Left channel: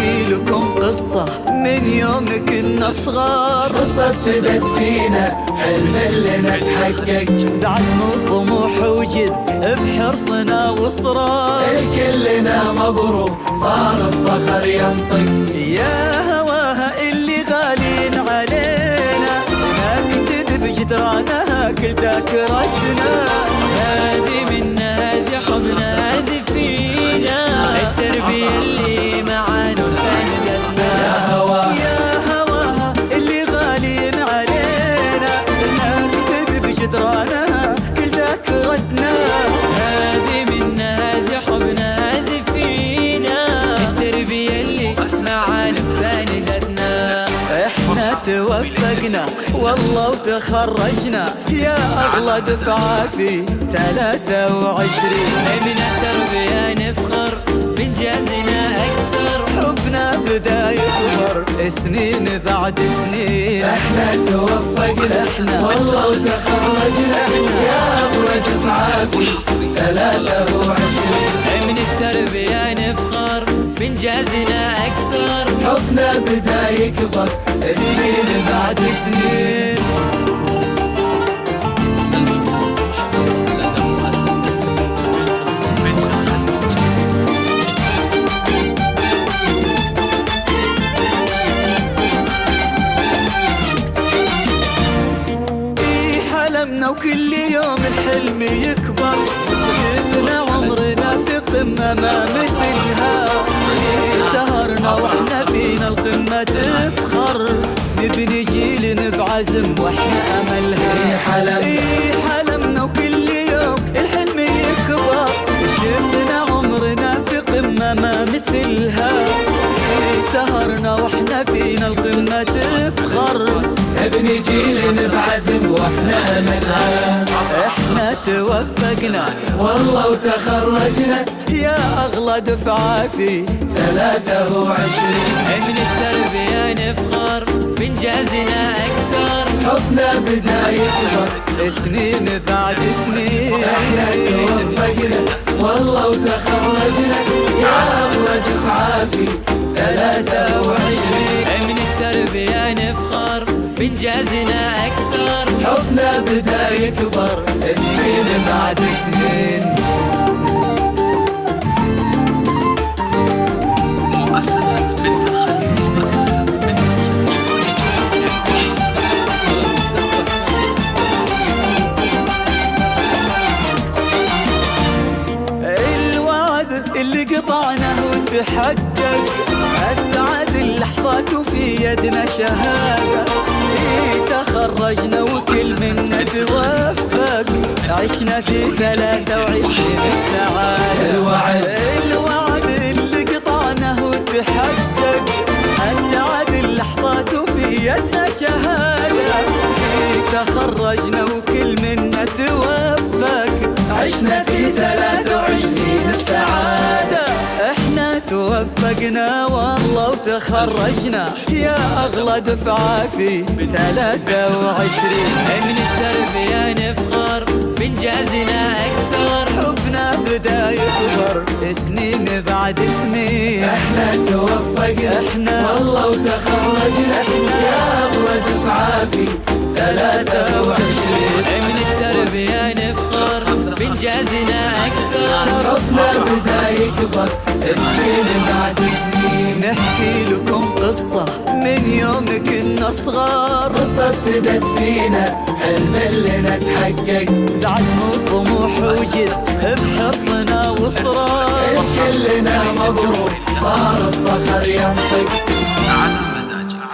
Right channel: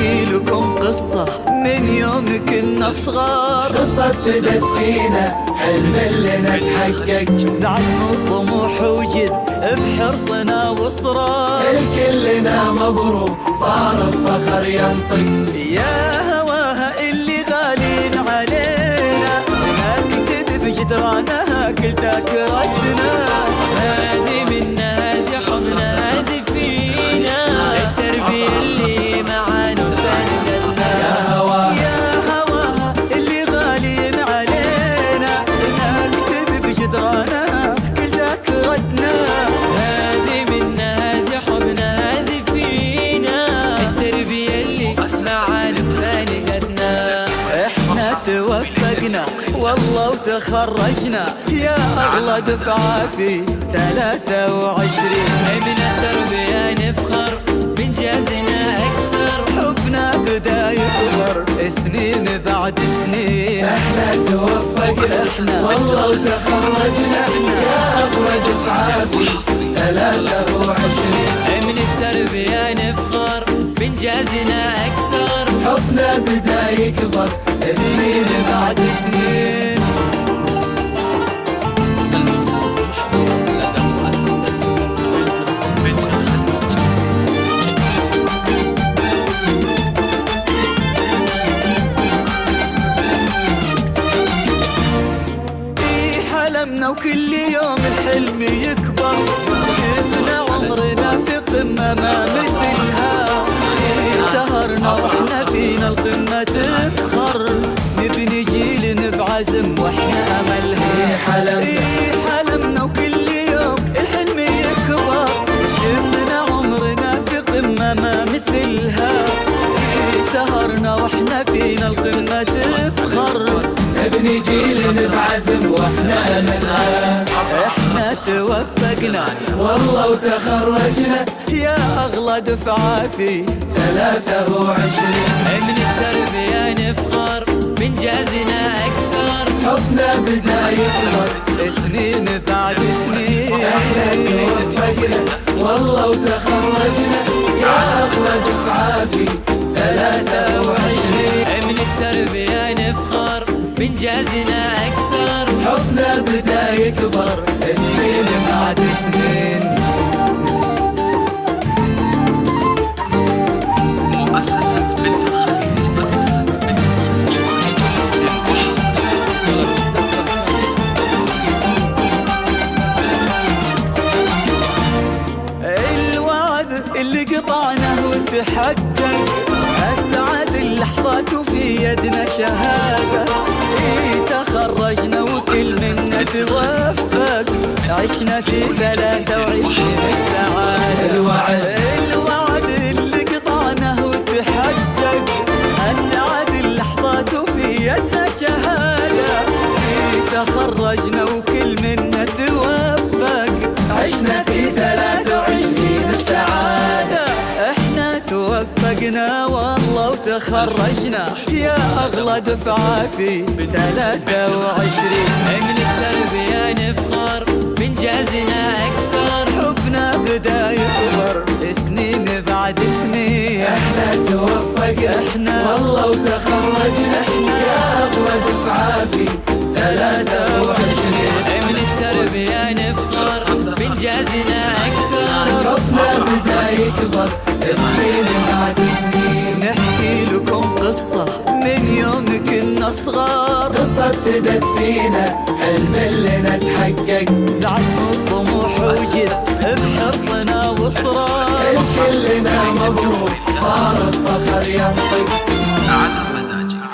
نحكي لكم قصة من يوم كنا صغار، لدى مؤسسة بنت الخليج، بعزم وطموح وجد بحرصنا واصرار. يا هواها اللي غالين علينا، نكتب بجدرانها كل ذاكرتنا. هذه منا، هذه حبنا، هذه فينا، التربية اللي معانا وساندتنا. يا هواها اللي غالين علينا، نكتب بجدرانها كل ذاكرتنا. هذه منا، هذه حبنا، هذه فينا، التربية اللي معانا وساندتنا. احنا توفقنا والله وتخرجنا، يا اغلى دفعة في 23. من التربية نفخر بإنجازنا أكثر، حبنا بدا يكبر سنين بعد سنين. احنا بنت الخليج احنا لكل جديد وحصري لطلب الزفة. من التربية نفخر بإنجازنا أكثر، سنين بعد سنين. الحقوق محفوظة لدى مؤسسة بنت الخليج. حلمنا وكل يوم الحلم يكبر، شفنا عمرنا في قمة ما مثلها. سهرنا واحنا فينا القمة تفخر، نبني جيل بعزم واحنا املها. حلمنا وكل يوم الحلم يكبر، شفنا عمرنا في قمة ما مثلها. سهرنا واحنا فينا القمة تفخر. احنا توفقنا يا اغلى دفعة في 23. من التربية نفخر بإنجازنا أكثر، سنين بعد سنين. على مزاجك 23. من التربية نفخر بإنجازنا أكثر، حبنا بدا يكبر سنين بعد سنين. مؤسسة بنت الخليج، مؤسسة بنت الخليج لكل جديد وحصري لطلب الزفة كاملة وبدون حقوق. الوعد اللي قطعناه وتحقق، أسعد اللحظات وفي يدنا شهادة. تخرجنا وكل منا توفق، عشنا في 23 بسعادة. الوعد اللي قطعناه وتحقق، أسعد اللحظات وفي يدنا شهادة. تخرجنا وكل منا توفق، عشنا في 23 بسعادة. احنا توفقنا والله وتخرجنا، يا اغلى دفعة في 23. من التربية نفخر بإنجازنا أكثر، حبنا بدا يكبر سنين بعد سنين. احنا 23. من التربية نفخر بإنجازنا أكثر. 4 5 5 8 نحكي لكم قصة من يوم كنا صغار، بعزم وطموح وجد بحرصنا واصرار. فرحة بليلة عمري لا تنسى، زفتك على مزاجك.